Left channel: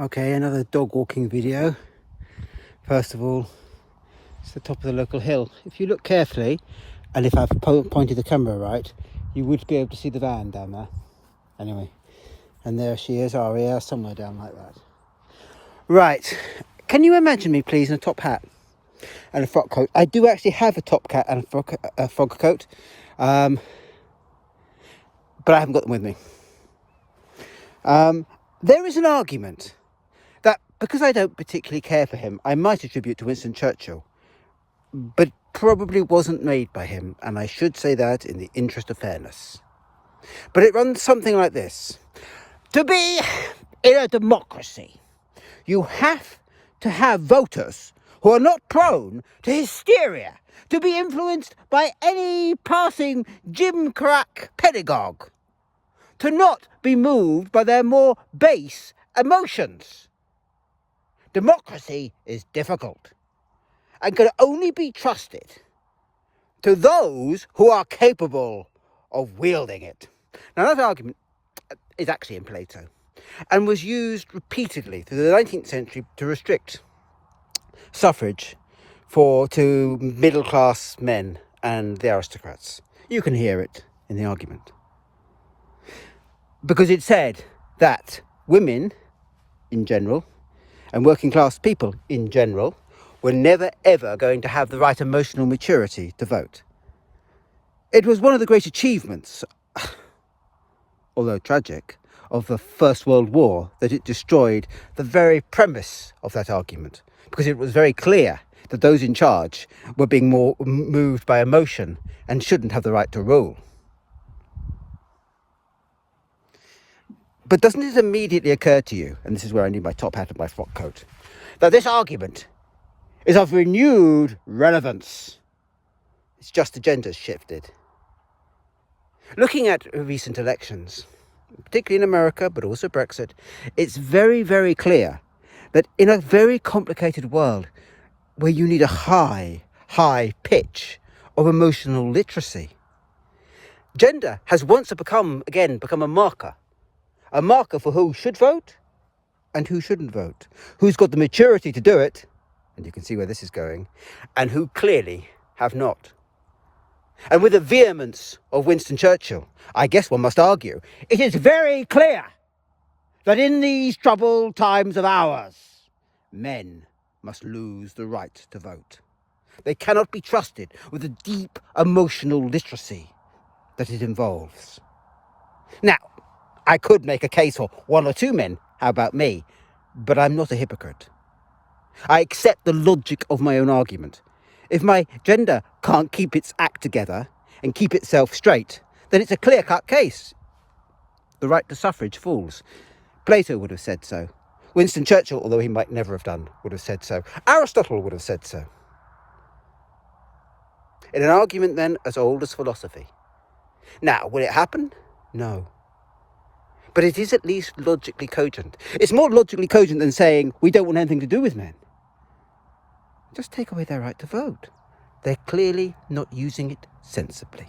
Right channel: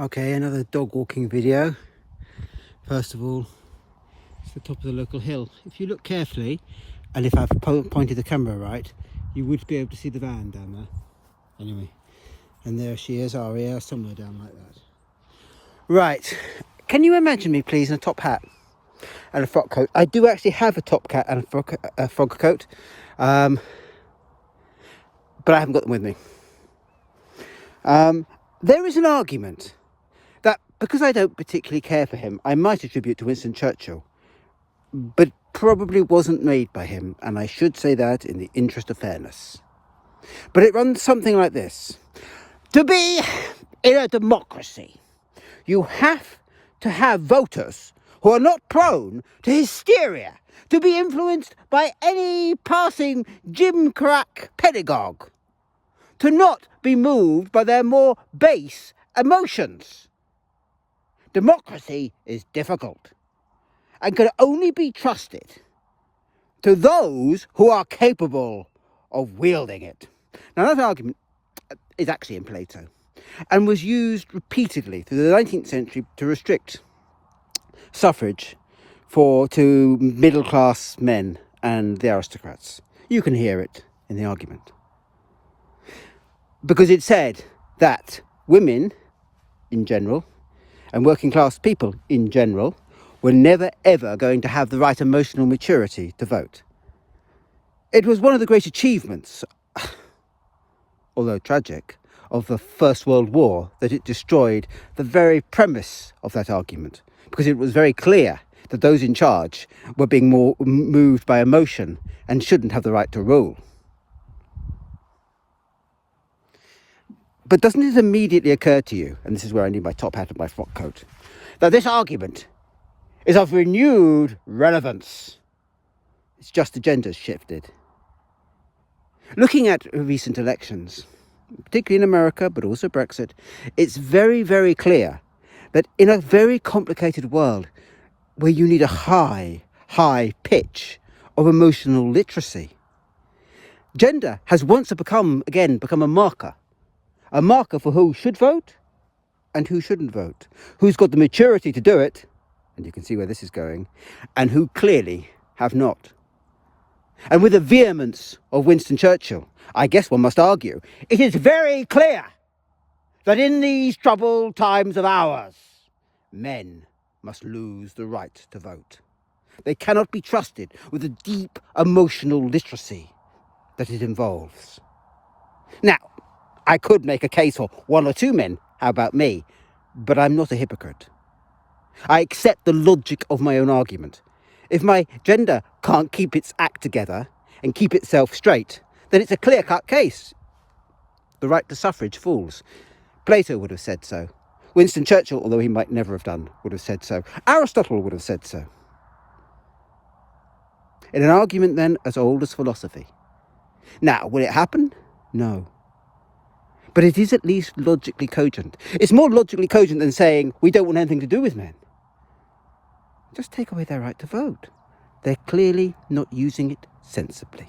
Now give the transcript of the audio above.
Okay, another dog walking video. First of all, it's the top of the local hill. If you look carefully, and if I've pointed the camera right, you would be able to see the van down there. Anyway, and there she is, Aria, somewhere down like that. Right, can you imagine me please in a top hat and a frock coat? I do actually have a top hat and a frog coat, but I haven't got them with me. There is an argument that because I don't particularly care for him, I might attribute to Winston Churchill, but probably wasn't made by him, and I should say that in the interest of fairness. But it runs something like this. To be in a democracy, you have to have voters who are not prone to hysteria, to be influenced by any passing gimcrack pedagogue, to not be moved by their more base emotions. Democracy is difficult and can only be trusted to those who are capable of wielding it. Now, that argument is actually in Plato and was used repeatedly through the 19th century to restrict suffrage to middle-class men and the aristocrats. You can hear it in the argument. Because it said that women in general and working class people in general were never ever going to have the right emotional maturity to vote. It was one of the great achievements, although tragic, of the First World War that it destroyed the very premise of that argument, because it was very clear that those in charge were being more moved by emotion and shouldn't have the right to rule. But doesn't it immediately occur to you, and this is where I need my top hat and my frock coat, that this argument is of renewed relevance? It's just the gender's shifted. Looking at recent elections, particularly in America, but also Brexit, it's very, very clear that in a very complicated world where you need a high pitch of emotional literacy, gender has once become a marker. A marker for who should vote and who shouldn't vote, who's got the maturity to do it, and you can see where this is going, and who clearly have not. And with the vehemence of Winston Churchill, I guess one must argue, it is very clear that in these troubled times of ours, men must lose the right to vote. They cannot be trusted with the deep emotional literacy that it involves. Now, I could make a case for one or two men, how about me? But I'm not a hypocrite. I accept the logic of my own argument. If my gender can't keep its act together and keep itself straight, then it's a clear-cut case. The right to suffrage falls. Plato would have said so. Winston Churchill, although he might never have done, would have said so. Aristotle would have said so. In an argument then as old as philosophy. Now, will it happen? No. But it is at least logically cogent. It's more logically cogent than saying we don't want anything to do with men. Just take away their right to vote. They're clearly not using it sensibly.